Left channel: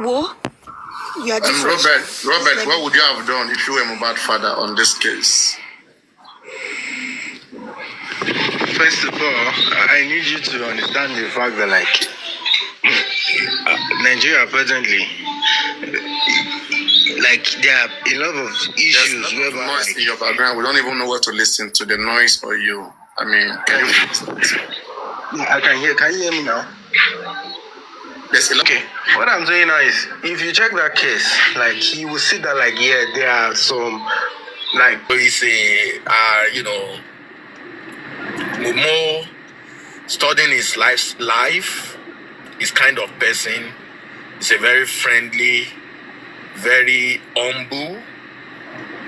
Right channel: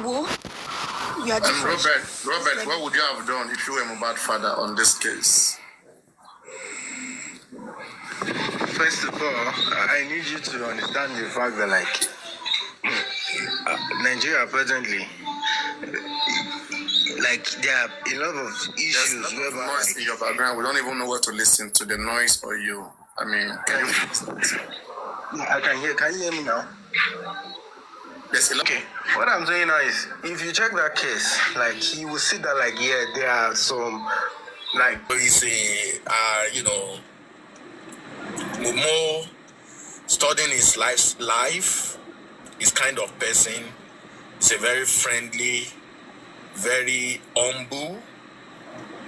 What? You are different. Robert, what would you have done if you were Mohbad father on this case? First of all, I need you to understand the fact that, like, Nigeria presently, like, there are a lot of issues. There's a lot of noise in your background. We don't even know where to listen to, the noise or you. I mean, can you fix that? Yeah, I can hear. Can you hear me now? Yes, okay. What I'm saying now is, if you check that case, like, he will see that, like, yeah, there are some, like, he's a, more studying his life, his kind of person. He's a very friendly, very humble,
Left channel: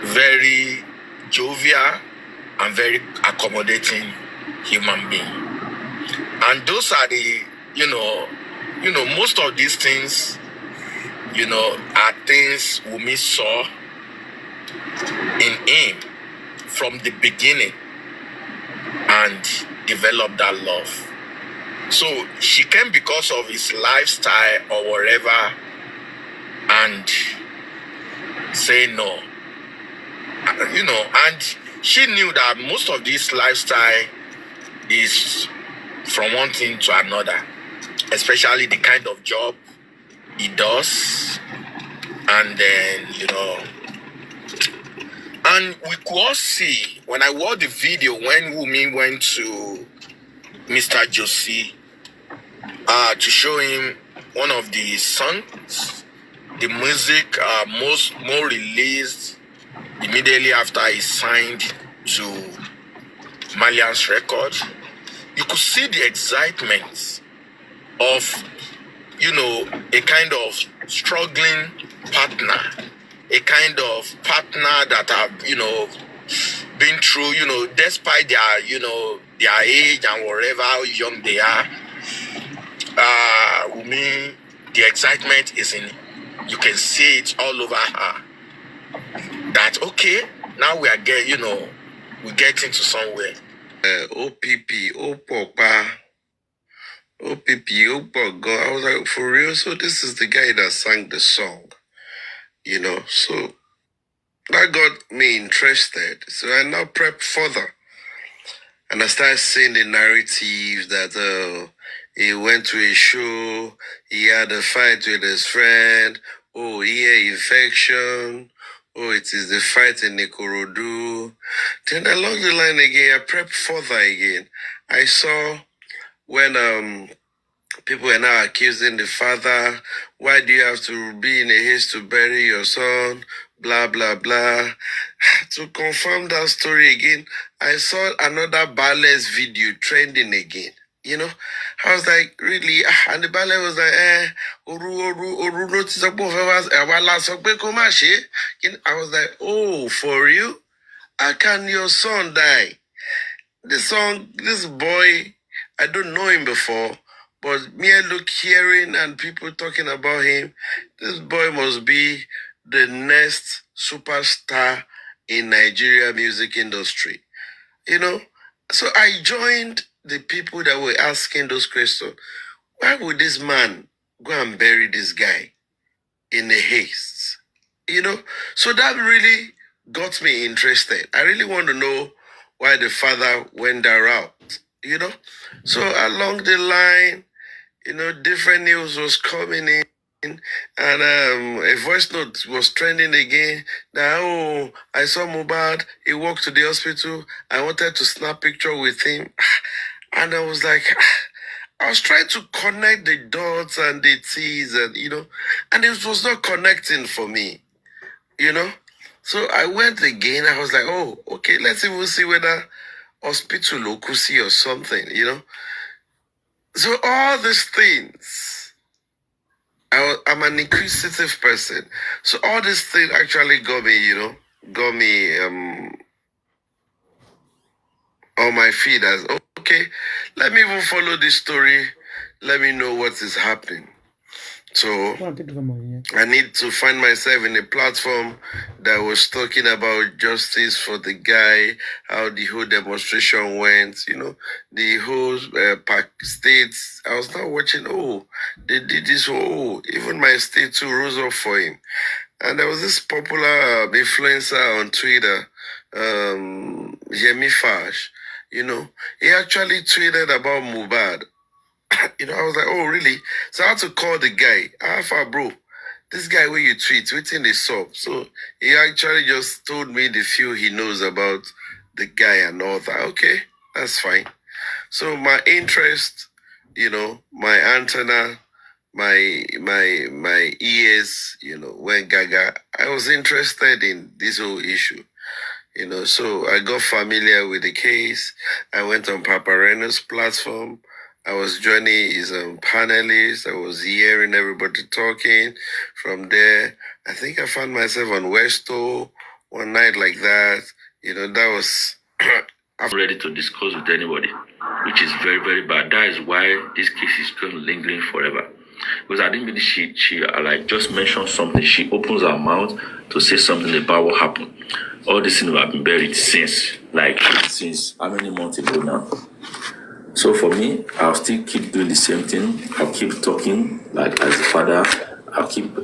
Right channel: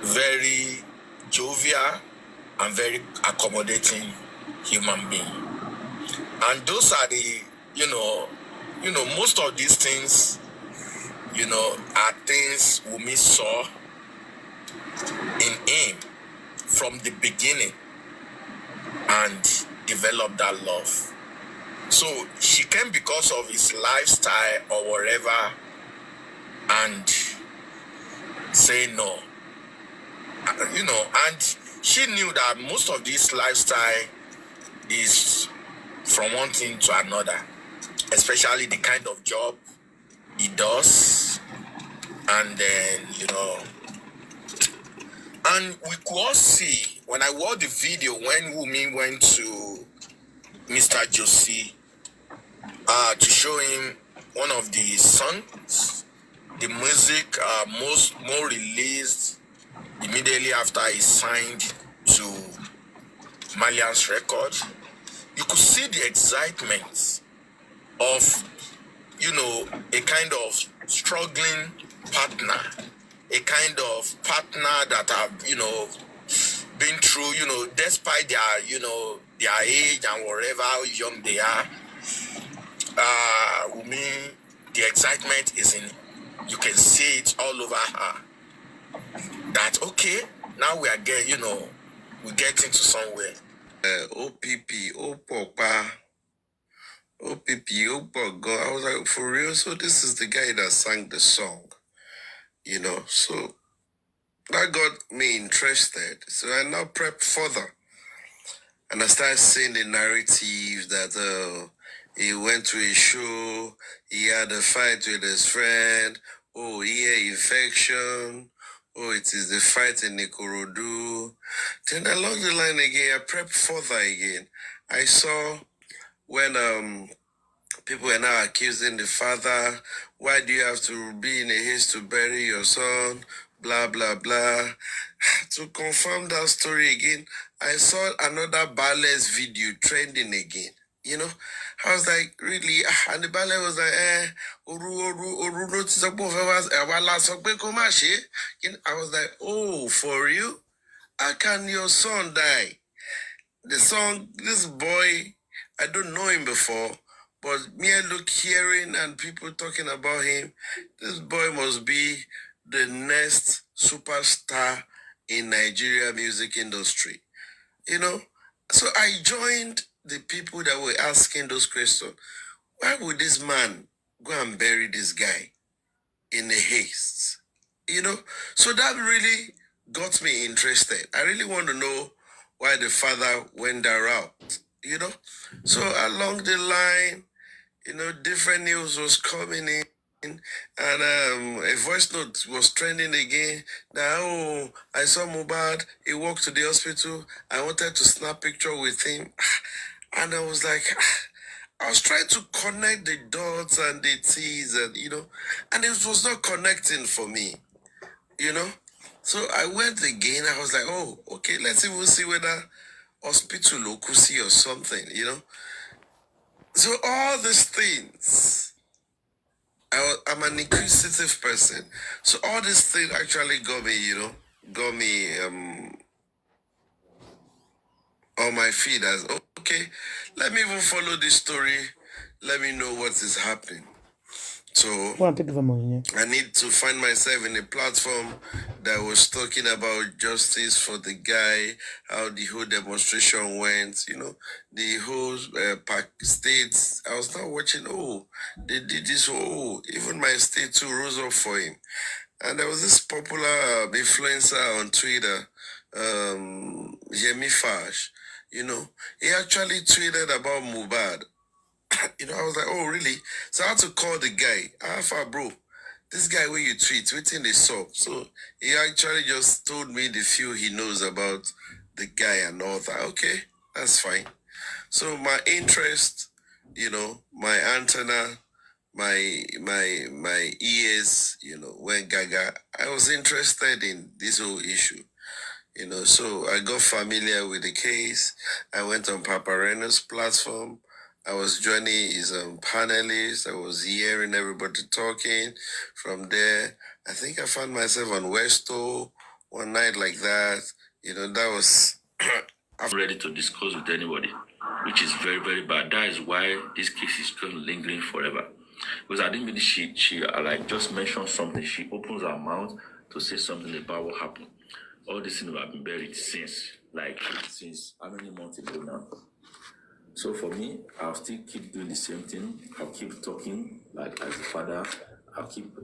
very jovial, and very accommodating human being. And those are the, most of these things, are things Wunmi saw in him from the beginning and developed that love. So she came because of his lifestyle or whatever and say no. And she knew that most of this lifestyle is from one thing to another, especially the kind of job he does. And then, and we could all see, when I watched the video, when Wunmi went to Mr. Josie to show him one of the songs, the music more released immediately after he signed to Malian's record, you could see the excitement of, a kind of struggling partner, a kind of partner that have, been through, despite their, their age and whatever, how young they are. Wunmi, the excitement is in, you can see it all over her. That, okay, now we are we're getting to somewhere. OPP, Opopa, OPP, Opogo. I was like, for real? So this is the guy that sang the song, So that got me interested. So I now prep further. And I started seeing the narrative that he went to a show, he had a fight with his friend, ear infection, it is the fight in Ikorodu. Then along the line again, I prepped further again. I saw when people are now accusing the father, why do you have to be in a haste to bury your son, blah, blah, blah. To confirm that story again, I saw another ballet's video trending again. I was like, really? And the ballet was like, oru notice I was like, oh, for you? How can your son die? This boy, I don't know him before, but hearing and people talking about him, this boy must be the next superstar in Nigeria music industry. So I joined the people that were asking those questions. Why would this man go and bury this guy in a haste? So that really got me interested. I really want to know why the father went that route, So along the line, different news was coming in. And a voice note was trending again. Now, I saw Mohbad. He walked to the hospital. I wanted to snap picture with him. And I was like, I was trying to connect the dots and the T's and, and it was not connecting for me, So I went again. I was like, oh, okay, let's even see whether hospital locusi or something, So all these things, I'm an inquisitive person. So all this thing actually got me, on my feed as, okay, let me even follow this story. Let me know what is happening. So Go and take the money. I need to find myself in a platform that was talking about justice for the guy, how the whole demonstration went, the whole states. I was now watching, oh, they did this, oh, even my state too rose up for him. And there was this popular influencer on Twitter, Yemi Fash, he actually tweeted about Mohbad. I was like, oh, really? So I had to call the guy. Alpha, bro, this guy where you tweet, waiting the sub. So he actually just told me the few he knows about the guy and all that. Okay, that's fine. So my interest, my antenna, my ears, went gaga. I was interested in this whole issue. So I got familiar with the case. I went on Papariano's platform. I was joining his panelists. I was hearing everybody talking. From there, I think I found myself on Westo one night like that. That was... I'm ready to discuss with anybody, which is very, very bad. That is why this case is still lingering forever. Because I didn't believe she just mentioned something. She opens her mouth to say something about what happened. All these things have been buried since how many months ago now? So for me, I'll still keep doing the same thing. I'll keep talking, like as a father. I'll keep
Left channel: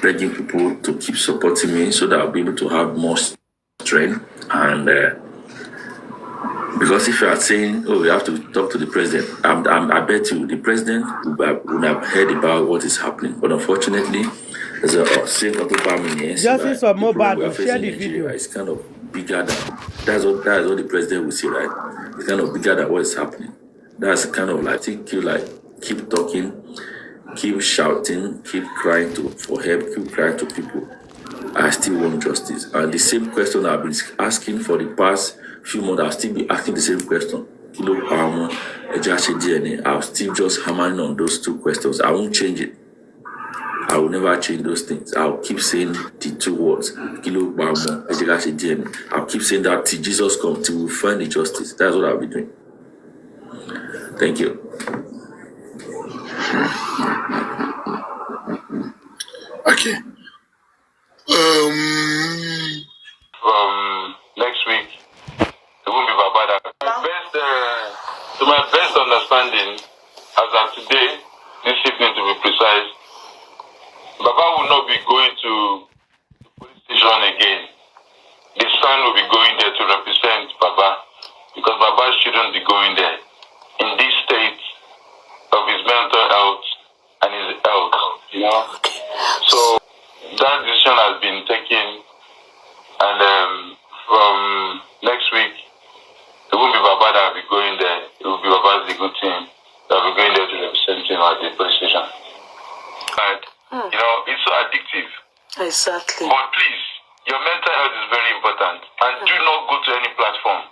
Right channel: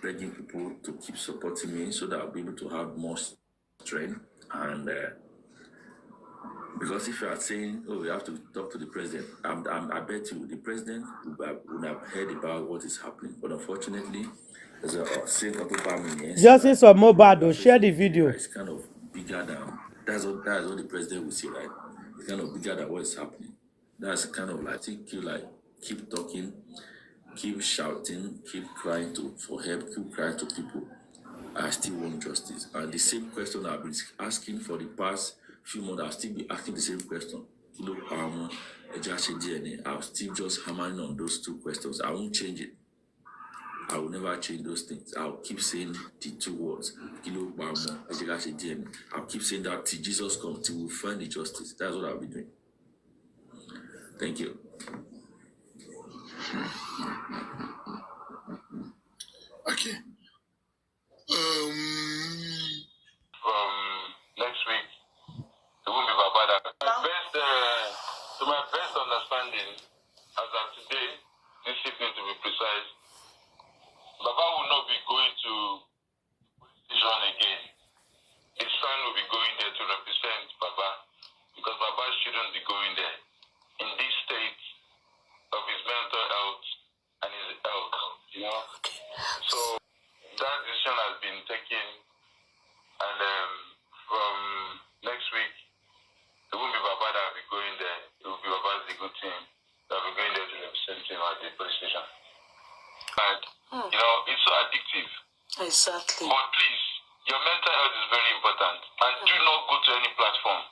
begging people to keep supporting me so that I'll be able to have more strength. And because if you are saying, oh, we have to talk to the president, I bet you the president would have heard about what is happening. But unfortunately, there's a same Justice for Mohbad, share the video. It's kind of bigger than that's what the president will say, right? It's kind of bigger than what is happening. That's kind of like keep talking, keep shouting, keep crying for help, keep crying to people. I still want justice. And the same question I've been asking for the past few months, I'll still be asking the same question. I'll still just hammering on those two questions. I won't change it. I will never change those things. I'll keep saying the two words. I'll keep saying that till Jesus comes, till we find the justice. That's what I'll be doing. Thank you. Okay. Next week, it won't be Babada. To my best understanding, as of today, this evening to be precise, Baba will not be going to the police station again. The son will be going there to represent Baba, because Baba shouldn't be going there in this state of his mental health and his health, So that decision has been taken, and from next week, it won't be Baba that will be going there. It will be Baba's legal team that will be going there to represent him at the police station. And, it's so addictive. Exactly. But please, your mental health is very important. And do not go to any platform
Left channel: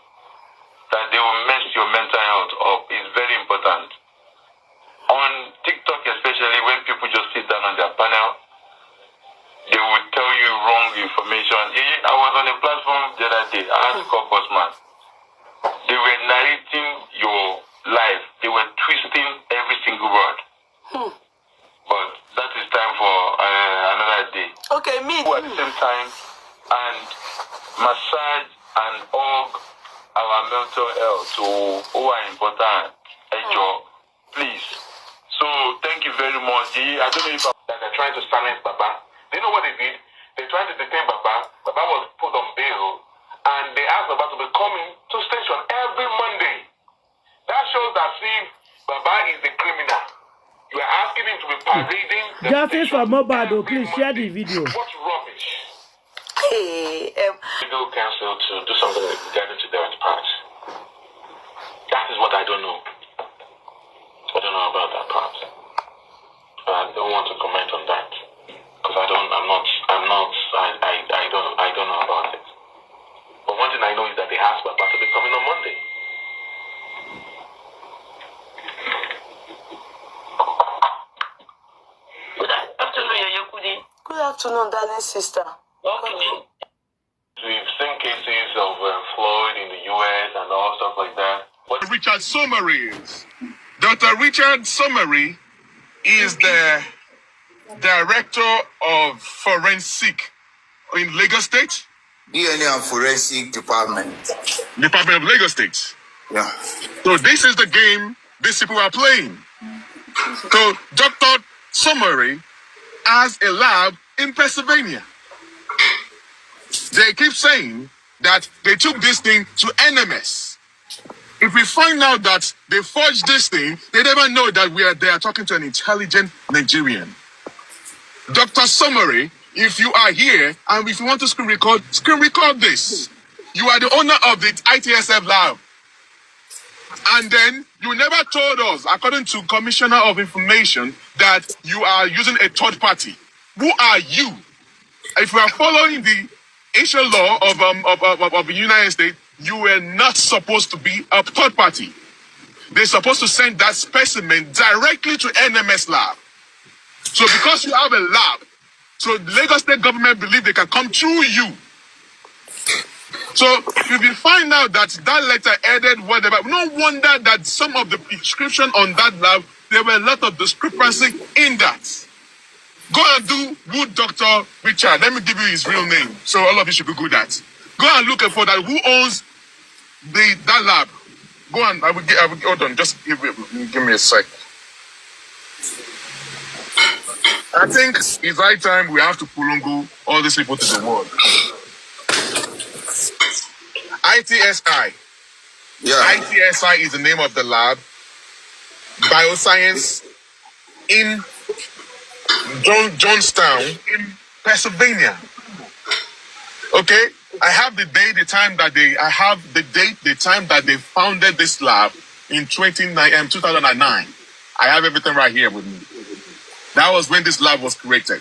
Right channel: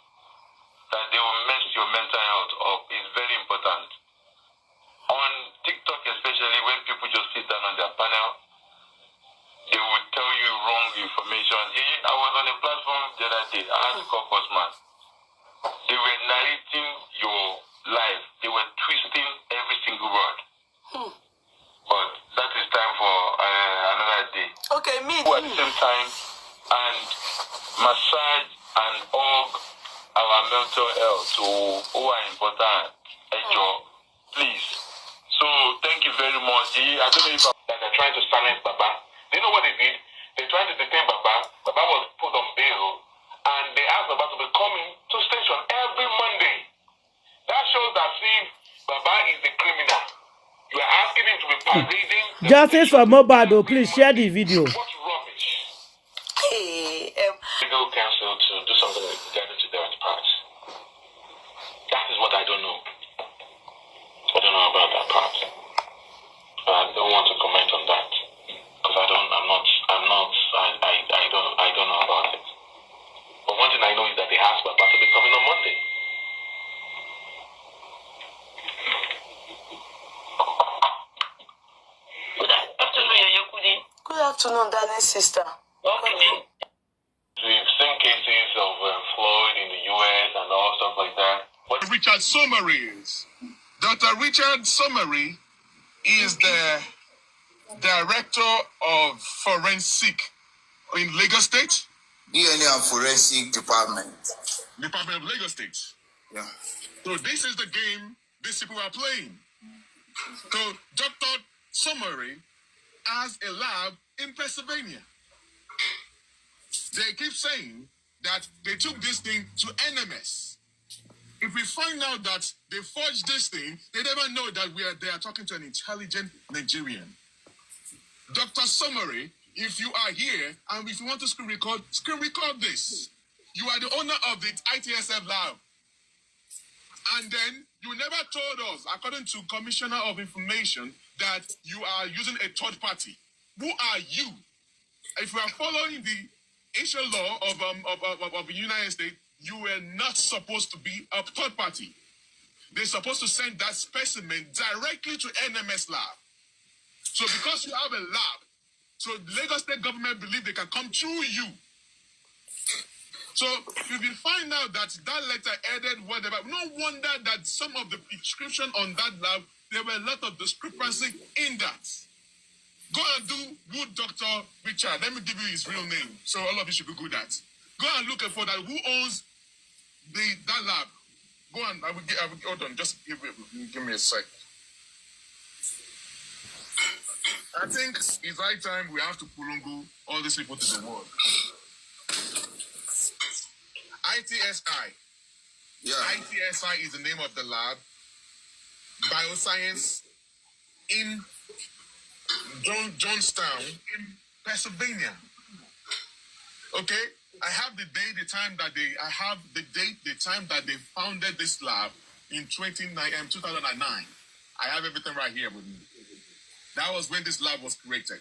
that they will mess your mental health up. It's very important. On TikTok especially, when people just sit down on their panel, they will tell you wrong information. I was on a platform the other day. I had to call Bossman. They were narrating your life. They were twisting every single word. But that is time for another day. Okay, me. At the same time, and massage and hug our mental health who are important. Please. So thank you very much. I don't know if they're trying to silence Baba. Do you know what they did? They tried to detain Baba. Baba was put on bail, and they asked Baba to be coming to station every Monday. That shows that Baba is the criminal. You are asking him to be parading. Justice for Mohbad, please share the video. What rubbish. Legal counsel to do something regarding to their part. That is what I don't know. I don't know about that part. I don't want to comment on that because I don't know about it. But one thing I know is that they asked Baba to be coming on Monday. Good afternoon, Yayokudi. Good afternoon, darling sister. Okay. We've seen cases of Floyd in the US and all stuff like that. Richard Summaries. Dr. Richard Summary is the director of forensic in Lagos State. DNA and Forensic Department. Department of Lagos State. Yeah. So this is the game these people are playing. So Dr. Summary has a lab in Pennsylvania. They keep saying that they took this thing to NMS. If we find out that they forged this thing, they never know that they are talking to an intelligent Nigerian. Dr. Summary, if you are here and if you want to screen record this. You are the owner of the ITSF lab. And then you never told us, according to Commissioner of Information, that you are using a third party. Who are you? If you are following the Asian law of the United States, you were not supposed to be a third party. They're supposed to send that specimen directly to NMS lab. So because you have a lab, so the Lagos State government believe they can come through you. So if you find out that that letter added whatever, no wonder that some of the inscription on that lab, there were a lot of discrepancy in that. Go and do good Dr. Richard. Let me give you his real name. So all of you should Google that. Go and look for that. Who owns that lab? Go and I will hold on. Just give me a sec. I think it's right time we have to pulungu all these people to the world. ITSI. Yeah. ITSI is the name of the lab. Bioscience in Johnstown, in Pennsylvania. Okay? I have the date, the time that they founded this lab in 2009. I have everything right here with me. That was when this lab was created.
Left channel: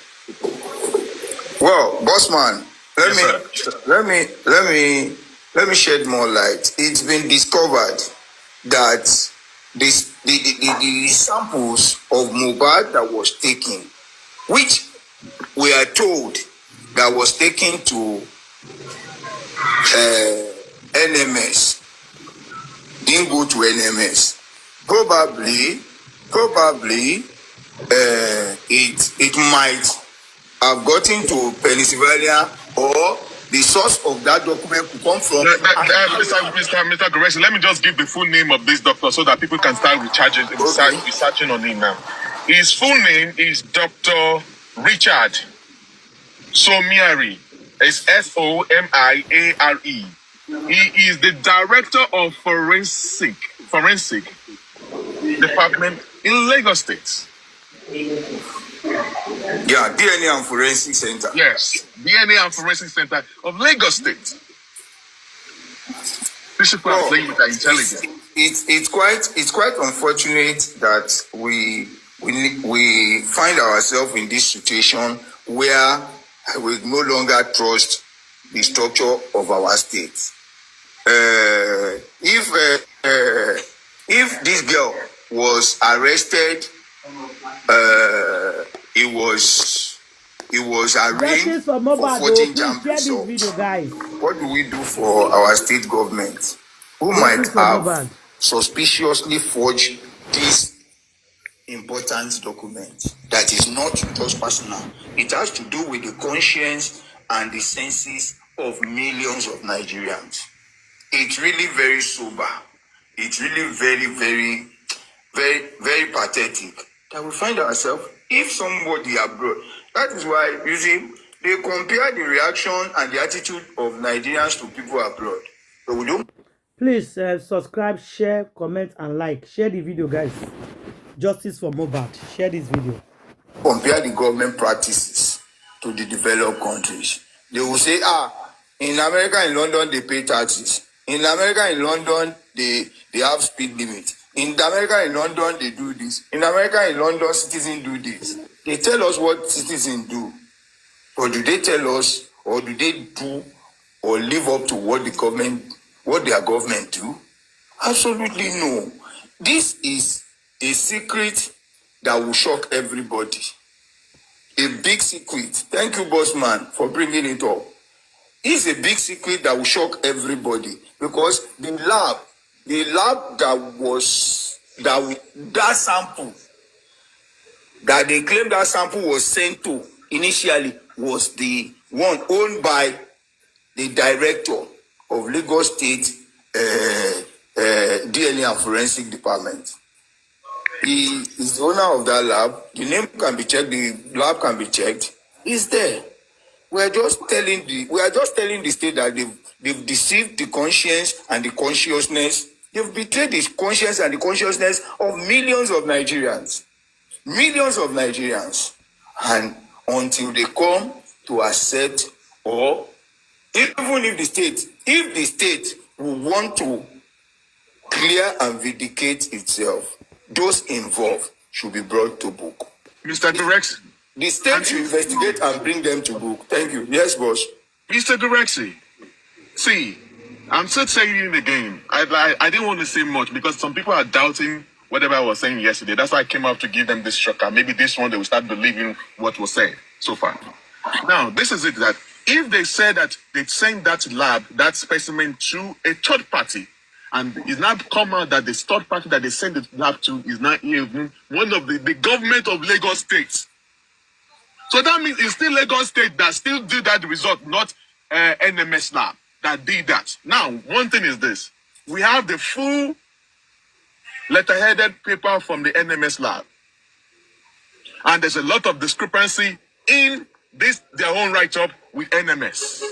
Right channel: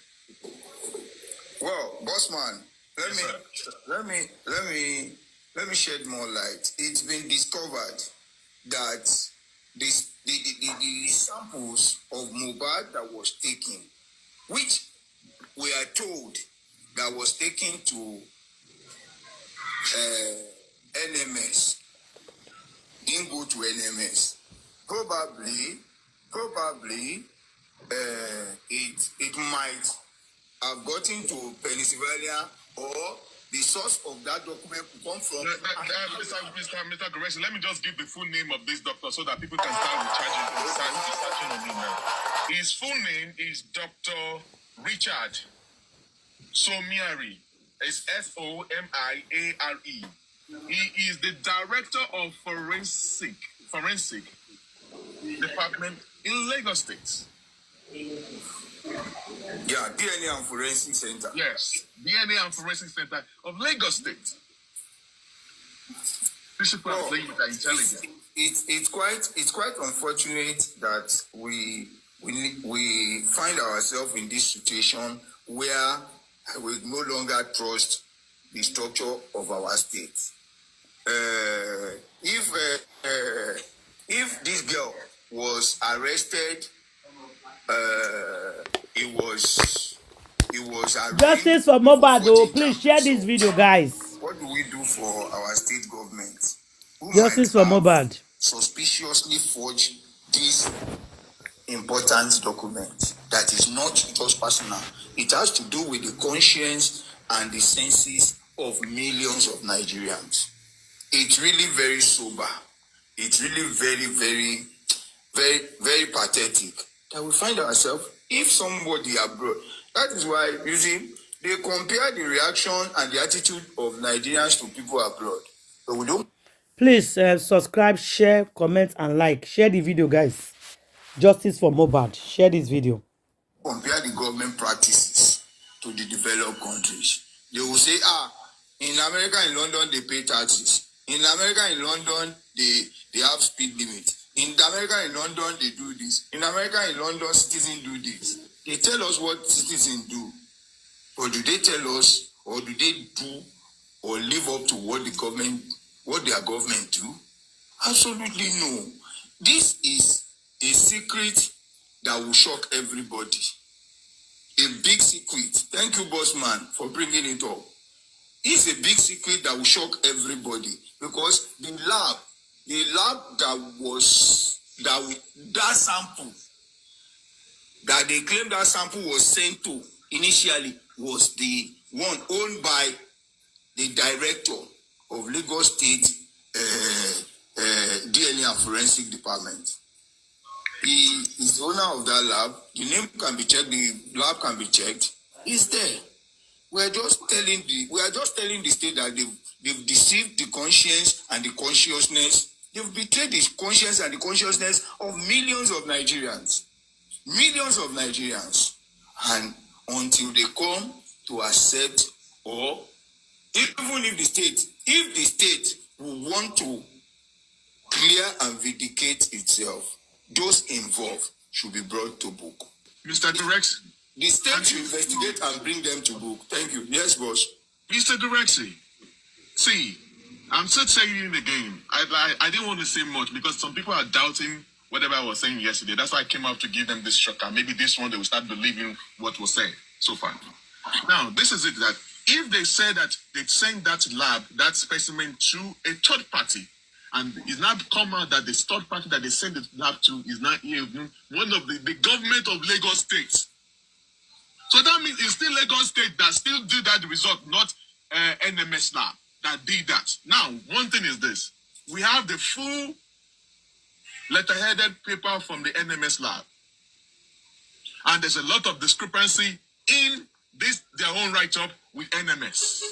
Well, bossman, let me shed more light. It's been discovered that the samples of Mohbad that was taken, which we are told that was taken to NMS, didn't go to NMS. Probably, it might have gotten to Pennsylvania, or the source of that document could come from. Mr. Goreshi, let me just give the full name of this doctor so that people can start researching on him now. His full name is Dr. Richard Somiari. It's Somiare. He is the director of forensic department in Lagos State. Yeah, DNA and Forensic Center. Yes, DNA and Forensic Center of Lagos State. These people are playing with our intelligence. It's quite unfortunate that we find ourselves in this situation where we no longer trust the structure of our state. If this girl was arrested, it was arraigned. Justice for Mohbad, please share this video, guys. What do we do for our state government who Justice might have Mohbad suspiciously forged this important document that is not just personal? It has to do with the conscience and the senses of millions of Nigerians. It's really very sober. It's really very, very, very, very pathetic that we find ourselves, if somebody abroad. That is why, you see, they compare the reaction and the attitude of Nigerians to people abroad. So we don't. Please subscribe, share, comment, and like. Share the video, guys. Justice for Mohbad. Share this video. Compare the government practices to the developed countries. They will say, in America, in London, they pay taxes. In America, in London, they have speed limit. In America, in London, they do this. In America, in London, citizens do this. They tell us what citizens do. Or do they tell us, or do they do, or live up to what their government do? Absolutely no. This is a secret that will shock everybody. A big secret. Thank you, bossman, for bringing it up. It's a big secret that will shock everybody, because the lab that sample that they claim that sample was sent to initially was the one owned by the director of Lagos State DNA and Forensic Department. He is the owner of that lab. The name can be checked. The lab can be checked. He's there. We are just telling the state that they've deceived the conscience and the consciousness. They've betrayed the conscience and the consciousness of millions of Nigerians. Millions of Nigerians. And until they come to accept, or even if the state will want to clear and vindicate itself, those involved should be brought to book. Mr. Direction. The state should investigate and bring them to book. Thank you. Yes, boss. Mr. Direction. See, I'm still saying it again. I didn't want to say much because some people are doubting whatever I was saying yesterday. That's why I came out to give them this shocker. Maybe this one they will start believing what was said so far. Now, this is it, that if they said that they sent that lab, that specimen to a third party, and it's not come out that the third party that they sent the lab to is not even one of the government of Lagos State. So that means it's still Lagos State that still did that result, not NMS lab that did that. Now, one thing is this. We have the full letter-headed paper from the NMS lab. And there's a lot of discrepancy in this, their own write-up with NMS.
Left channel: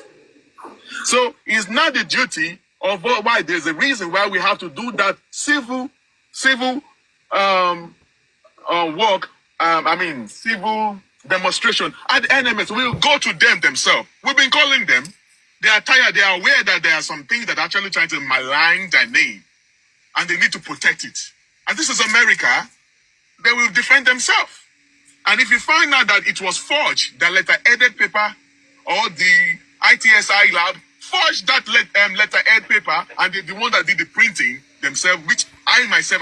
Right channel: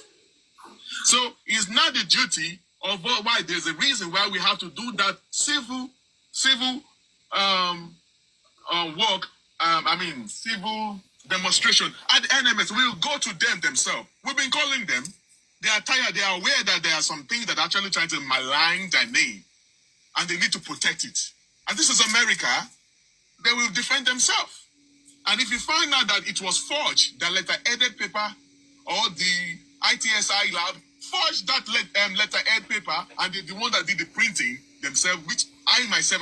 So it's not the duty of why there's a reason why we have to do that civil work, civil demonstration at NMS. We'll go to them themselves. We've been calling them. They are tired. They are aware that there are some things that are actually trying to malign their name, and they need to protect it. And this is America. They will defend themselves. And if you find out that it was forged, the letter-headed paper or the ITSI lab forged that letter-head paper, and the one that did the printing themselves, which I myself,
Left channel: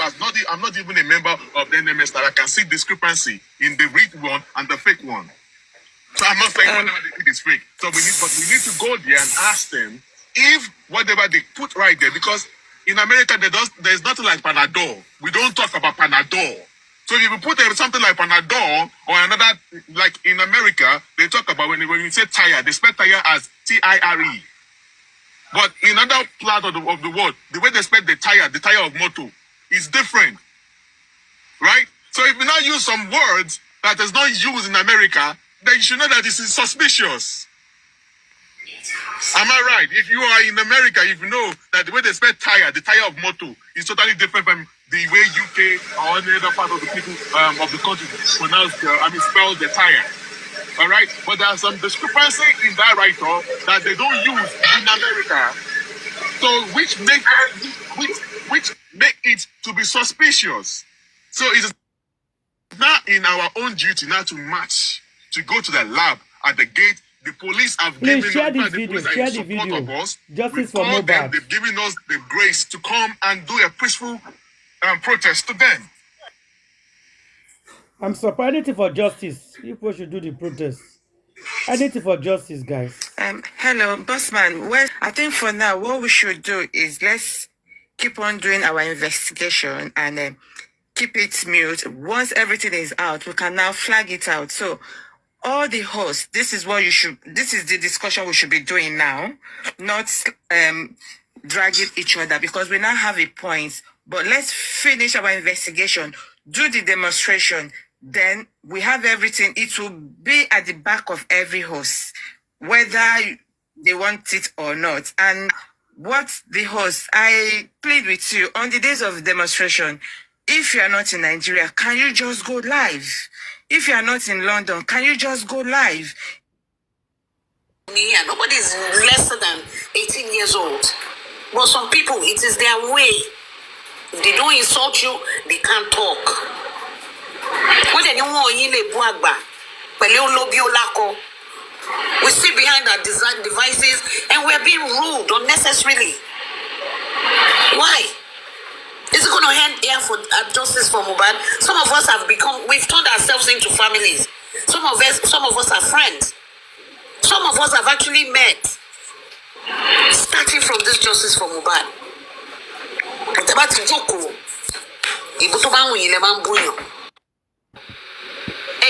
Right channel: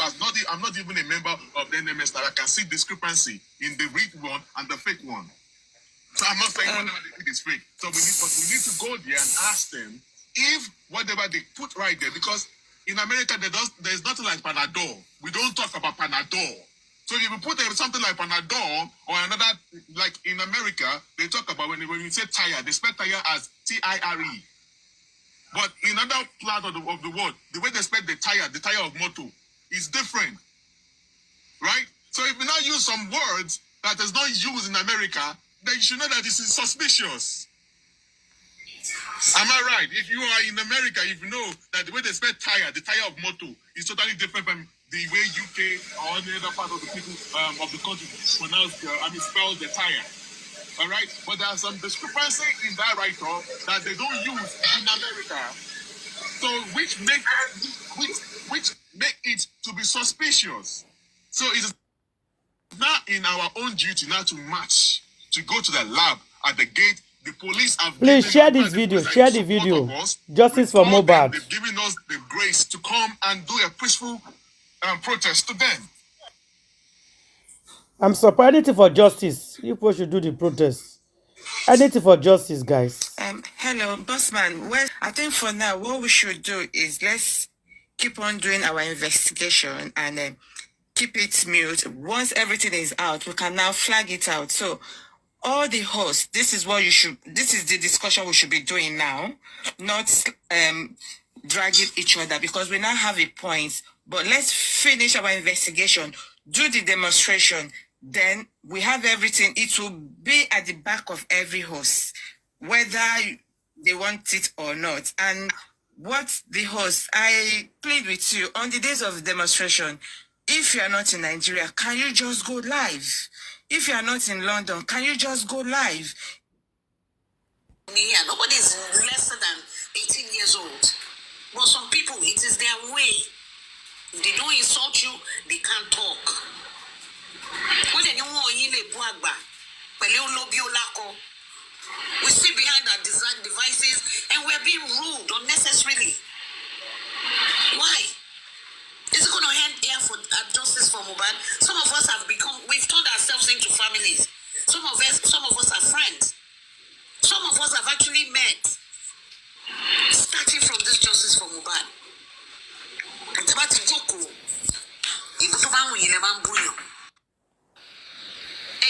I'm not even a member of the NMS, that I can see discrepancy in the real one and the fake one. So I'm not saying whatever they did is fake. So we need to go there and ask them if whatever they put right there, because in America there's nothing like Panadol. We don't talk about Panadol. So if you put something like Panadol or another, like in America, they talk about when you say tire, they spell tire as Tire. But in other part of the world, the way they spell the tire of motor, is different. Right? So if you now use some words that is not used in America, then you should know that this is suspicious. Am I right? If you are in America, if you know that the way they spell tire, the tire of motor, is totally different from the way UK or any other part of the people of the country pronounce, spell the tire. All right? But there are some discrepancy in that write-up that they don't use in America. So which make it to be suspicious. So it's not in our own duty now to march, to go to the lab at the gate. The police have please share this video. Share the video. Justice for Mohbad. They've given us the grace to come and do a peaceful protest to them. I'm surprised. Anything for justice. People should do the protest. Anything for justice, guys. Hello, bossman. Well, I think for now, what we should do is let's keep on doing our investigation and keep it mute. Once everything is out, we can now flag it out. So all the hosts, this is the discussion we should be doing now, not dragging each other, because we now have a point. But let's finish our investigation, do the demonstration, then we have everything. It will be at the back of every host, whether they want it or not. And what the host, I plead with you, on the days of demonstration, if you are not in Nigeria, can you just go live? If you are not in London, can you just go live? Yeah, nobody is lesser than 18 years old. But some people, it is their way. If they don't insult you, they can't talk. When they don't want we sit behind our devices and we're being rude unnecessarily. Why? Is it going to end here for justice for Mohbad? Some of us we've turned ourselves into families. Some of us are friends. Some of us have actually met. Starting from this justice for Mohbad.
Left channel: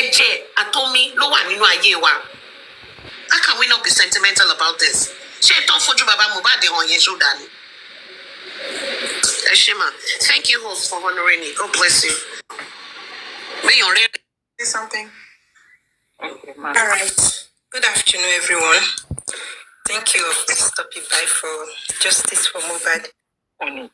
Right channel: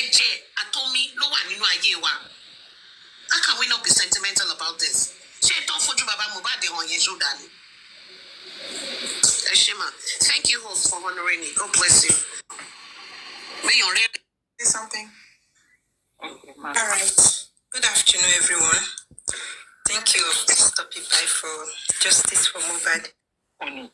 Eje atomi lo wa nínú ayé wa. How can we not be sentimental about this? Ṣé tó fojú bàbá Mohbad hàn yẹn ṣó dání? Eshima, thank you, host, for honoring me. God bless you. May your say something. Okay, all right. Good afternoon, everyone. Thank you, Mr. Pipai, for justice for Mohbad. On it.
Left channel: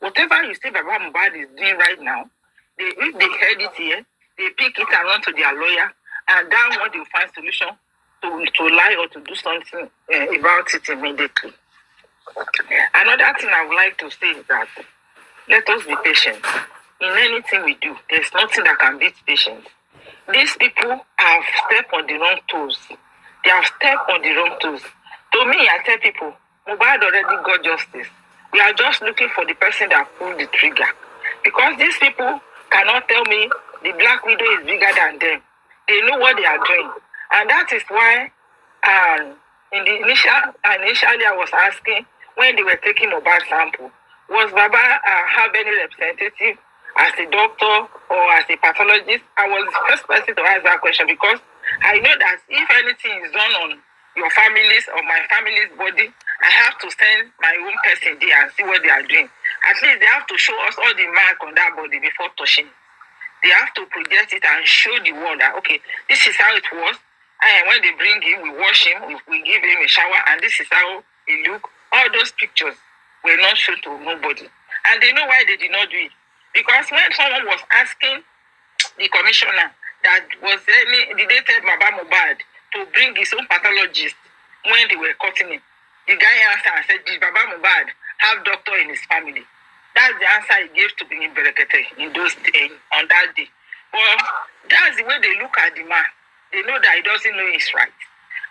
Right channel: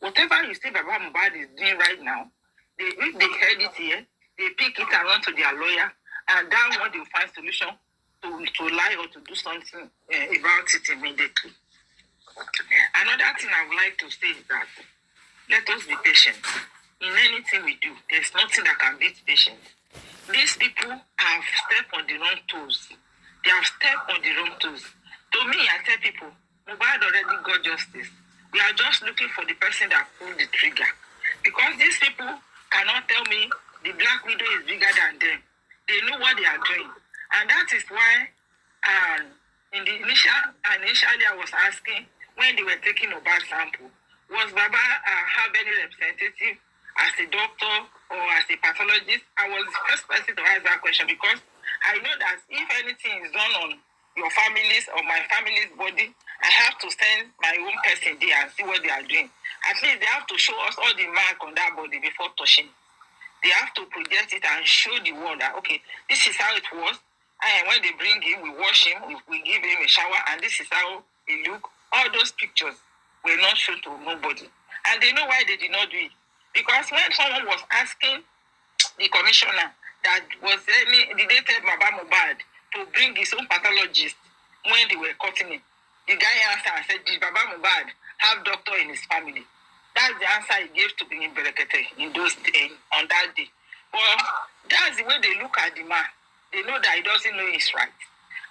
Whatever you say Baba Mohbad is doing right now, if they heard it here, they pick it and run to their lawyer, and that one they will find solution to lie or to do something about it immediately. Another thing I would like to say is that let us be patient. In anything we do, there's nothing that can beat patience. These people have stepped on the wrong toes. They have stepped on the wrong toes. To me, I tell people, Mohbad already got justice. We are just looking for the person that pulled the trigger. Because these people cannot tell me the Black Widow is bigger than them. They know what they are doing. And that is why initially I was asking, when they were taking Mohbad sample, was Baba have any representative as a doctor or as a pathologist? I was the first person to ask that question because I know that if anything is done on your families or my family's body, I have to send my own person there and see what they are doing. At least they have to show us all the mark on that body before touching. They have to project it and show the world that, okay, this is how it was. And when they bring him, we wash him, we give him a shower, and this is how he look. All those pictures were not shown to nobody. And they know why they did not do it. Because when someone was asking the commissioner that did they tell Baba Mohbad to bring his own pathologist when they were cutting him, the guy answered and said, did Baba Mohbad have doctor in his family? That's the answer he gave to Benin Berekete in those days, on that day. Well, that's the way they look at the man. They know that he doesn't know his right.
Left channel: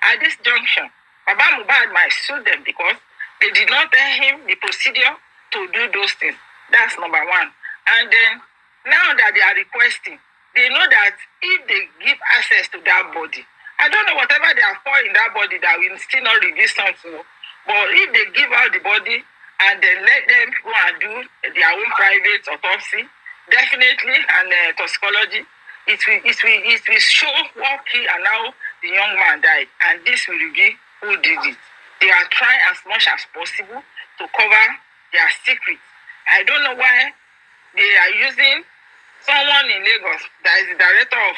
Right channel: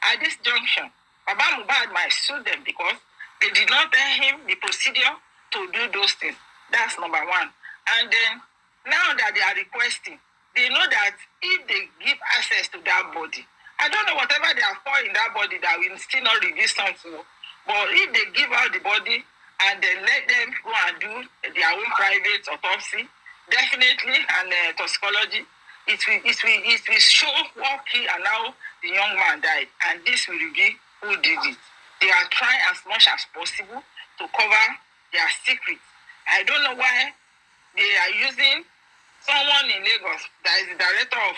At this junction, Baba Mohbad might sue them because they did not tell him the procedure to do those things. That's number one. And then, now that they are requesting, they know that if they give access to that body, I don't know whatever they are for in that body that will still not reveal something. But if they give out the body and then let them go and do their own private autopsy, definitely, and toxicology, it will show what killed and how the young man died. And this will reveal who did it. They are trying as much as possible to cover their secrets. I don't know why they are using someone in Lagos that is the director of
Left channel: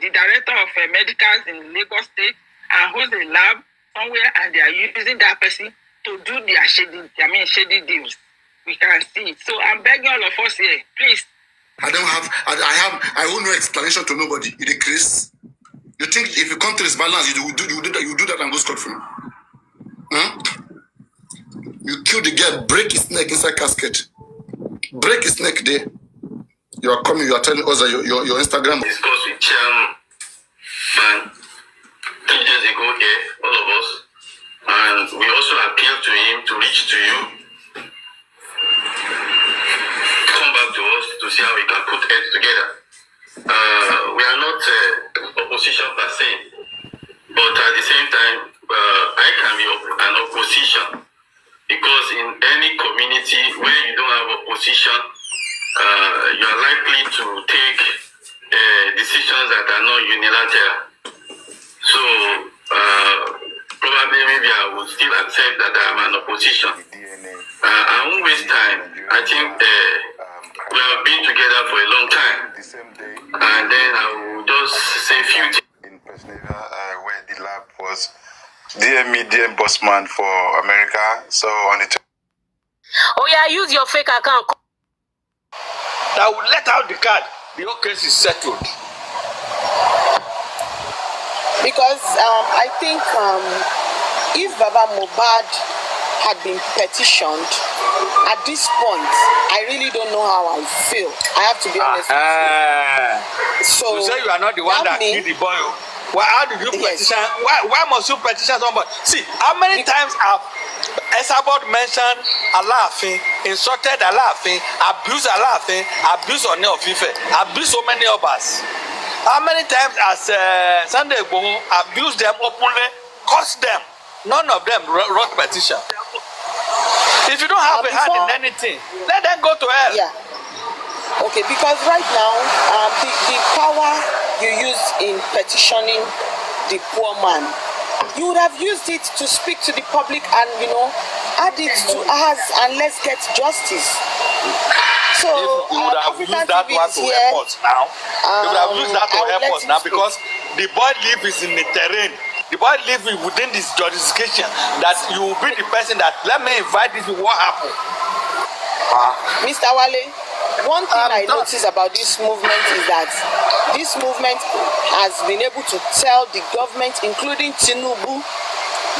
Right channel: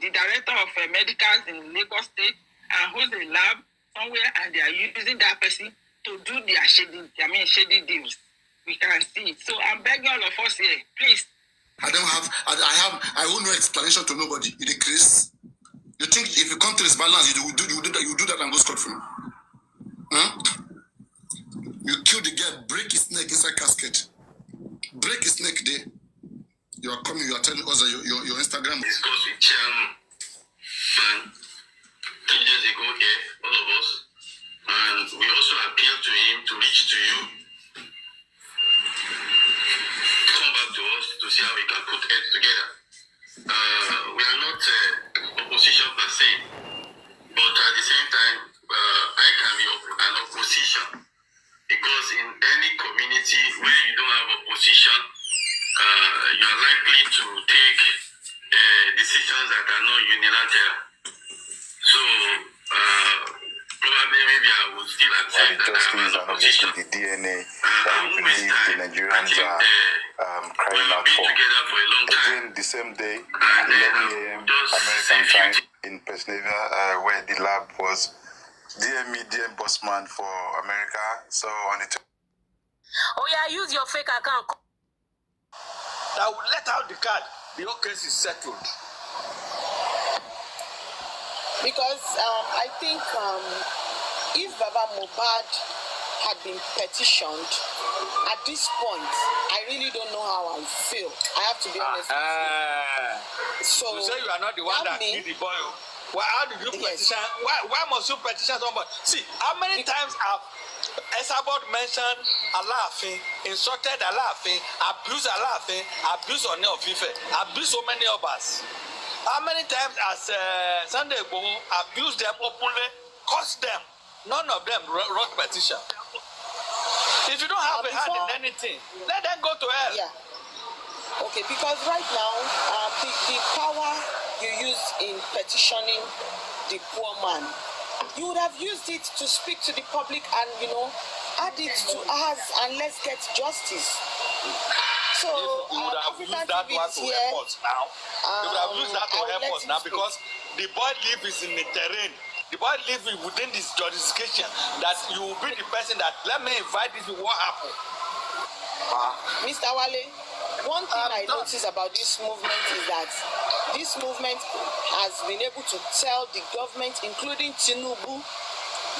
the director of medicals in Lagos State and who's a lab somewhere, and they are using that person to do their shady deals. We can see it. So I'm begging all of us here, please. I owe no explanation to nobody. You decrease. You think if you come to this balance, you do that and go scot-free? Huh? You kill the girl, break his neck inside casket. Break his neck there. You are coming, you are telling us that your Instagram. Discuss with chairman 3 days ago here, all of us. And we also appealed to him to reach to you. Come back to us to see how we can put heads together. We are not opposition per se, but at the same time, I can be an opposition because in any community where you don't have opposition, you are likely to take decisions that are not unilateral. So probably maybe I would still accept that I am an opposition. I won't waste time. I think we have been together for a long time. The same day. And then I will just say a few things. In Pennsylvania, where the lab was, DM bossman for America. So on the. Oh yeah, use your fake account. That will let out the card. The whole case is settled. Because I think if Baba Mohbad had been petitioned, at this point, I really don't know how I feel. I have to be honest with you. So you say you are not the one that killed the boy. Well, how did you petition? Why must you petition somebody? See, how many times have Esabod mentioned Alaafin, insulted Alaafin, abused Alaafin, abused Oni of Ife, abused so many of us? How many times has Sunday Igboho abused them openly, cursed them? None of them wrote petition. If you don't have a hand in anything, let them go to hell. Yeah. Okay, because right now, the power you use in petitioning the poor man, you would have used it to speak to the public and, add it to us and let's get justice. So, if you would have used that one to help us now, you would have used that to help us now because the boy lives in the terrain. The boy lives within this jurisdiction that you will be the person that let me invite this. What happened? Mr. Wale, one thing I notice about this movement is that this movement has been able to tell the government, including Tinubu,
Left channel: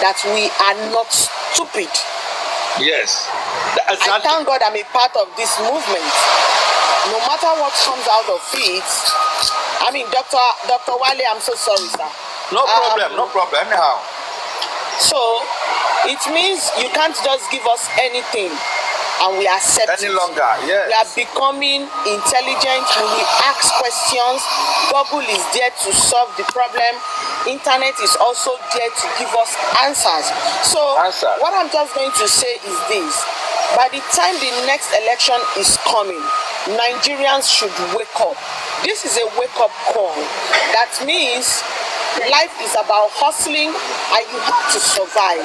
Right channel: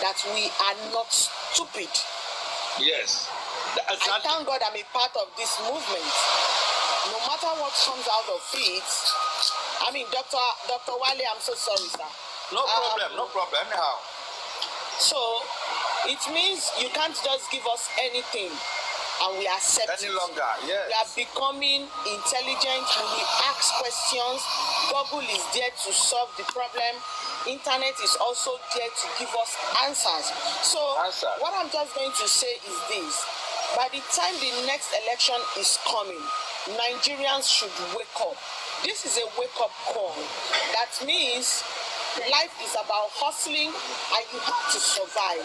that we are not stupid. Yes. I thank God I'm a part of this movement. No matter what comes out of it, I mean, Dr. Wale, I'm so sorry, sir. No problem, no problem, anyhow. So, it means you can't just give us anything and we accept any it. Longer, yes. We are becoming intelligent and we ask questions. Google is there to solve the problem. Internet is also there to give us answers. So, what I'm just going to say is this. By the time the next election is coming, Nigerians should wake up. This is a wake-up call. That means life is about hustling and you have to survive.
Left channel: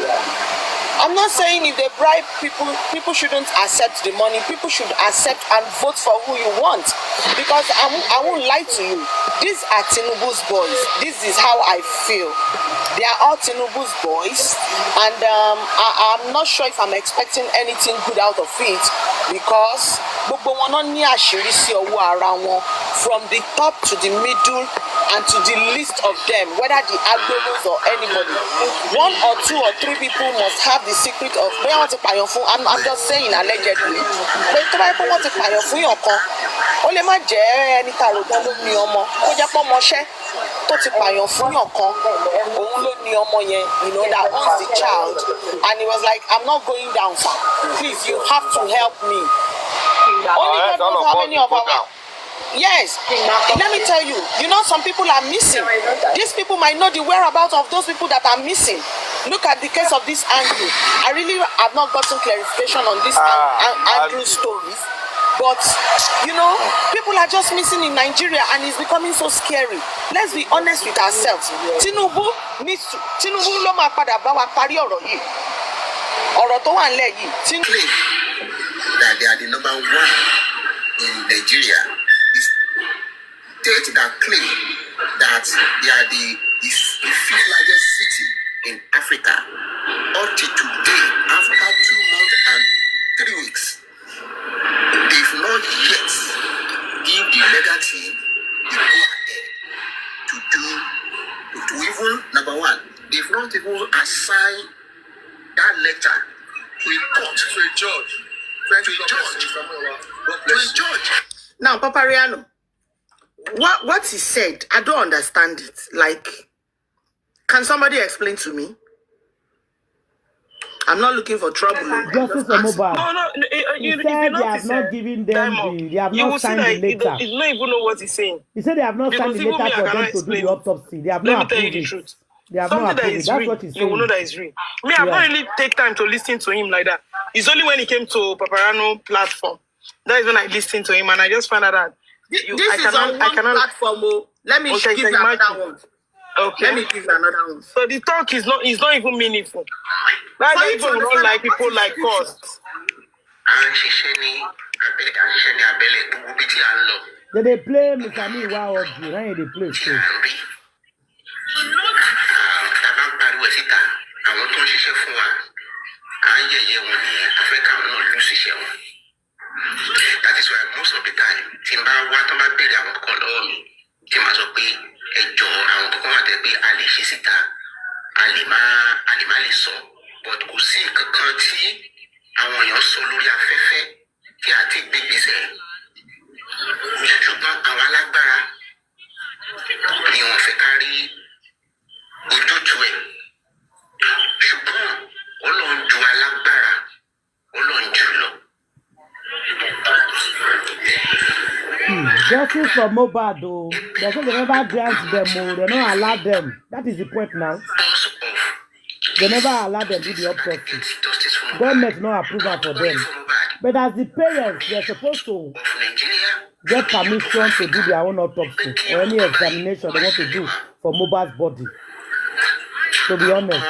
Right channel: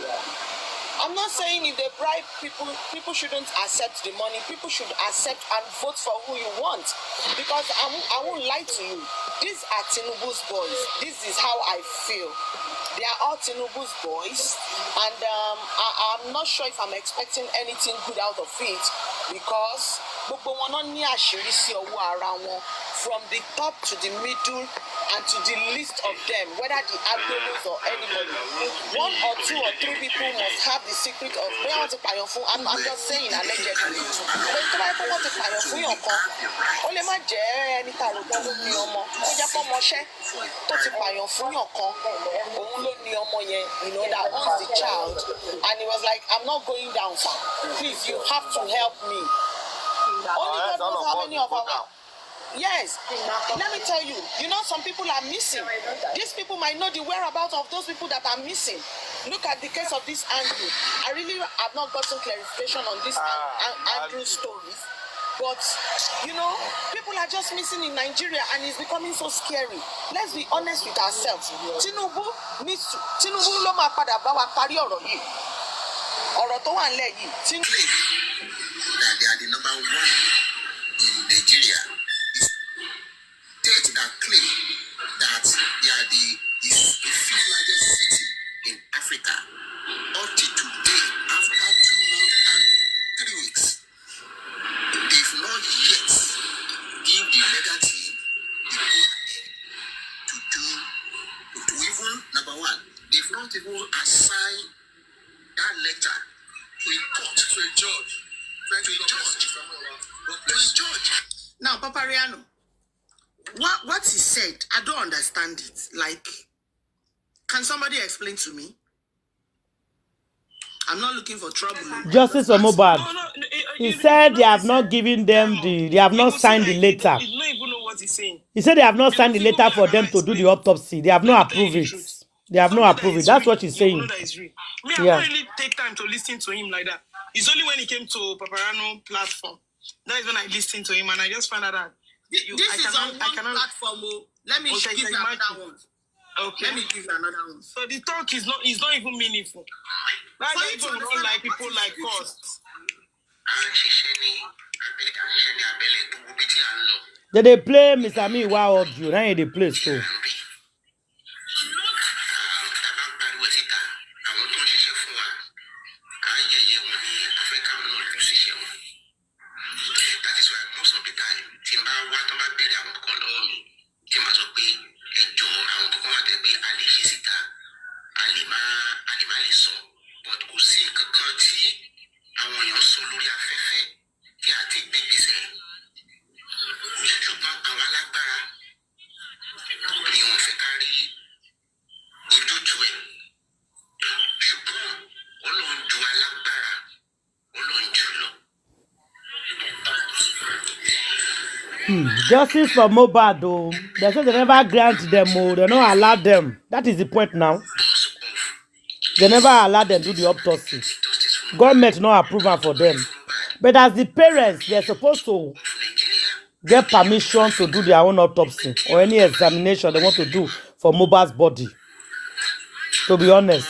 I'm not saying if they bribe people shouldn't accept the money. People should accept and vote for who you want. Because I won't lie to you. These are Tinubu's boys. This is how I feel. They are all Tinubu's boys. And I'm not sure if I'm expecting anything good out of it. Because from the top to the middle and to the least of them, whether the agbolos or anybody, 1 or 2 or 3 people must have the secret of I'm just saying allegedly. But tó bá pé wọ́n ti pààyàn fún yàn kan, ó lè má jẹ́ ẹni tá rò tán ló ní ọmọ, kó jẹ́ pé ọmọṣẹ́ tó ti pààyàn fún yàn kan, òun ló ní ọmọ yẹn, that owns the child, and he was like, I'm not going down, sir. Please, you have to help me. Only God knows how many of our... Yes, let me tell you, some people are missing. These people might know the whereabouts of those people that are missing. Look at the case of this Andrew. I really have not gotten clarification on this Andrew stories. But, people are just missing in Nigeria and it's becoming so scary. Let's be honest with ourselves. Tinubu ló máa padà bá wa parí ọ̀rọ̀ yìí. Ọ̀rọ̀ tó wà nílẹ̀ yìí. Tinubu. That they are the number 1 in Nigeria. State that claim that they are the 5th largest city in Africa. Up to today, after 2 months and 3 weeks, they've not yet give the legal team the go ahead to even, number 1, they've not even assigned that letter to a court, to a judge. To a judge. Now, Papariano, what he said, I don't understand it. Like, can somebody explain to me? I'm not looking for trouble. Justice for Mohbad. No, he said they have not given them they have not signed the letter. You don't even know what he's saying. He said they have not signed the letter for them to do the autopsy. They have not approved it. They have not approved it. That's what she's saying. You know that is real. Me, I don't really take time to listen to him like that. It's only when he came to Papariano platform. That is when I listened to him and I just found out that this is on one platform. Let me give you another one. Okay. Let me give you another one. So the talk is not even meaningful. That's why people don't like people like us. They play Mr. Me wow of you. Now they play so. That is why most of the time, Timba Watama paid our color, Timazopi, a Joe, and Tomate, Ali Shisita, Alimali so, but Kusi Kanti, and when your Soluria Fefe, Tiati babies. Shouldn't our Lagbara, you want Fekari, Udutue, Shupon, Olon Jualagbara, Olon Julo. Justice for Mohbad, though. They say they never grant them, they don't allow them. That is the point now. They never allow them to do the autopsy. Government not approval for them. But as the parents, they're supposed to get permission to do their own autopsy or any examination they want to do for Mohbad's body. To be honest.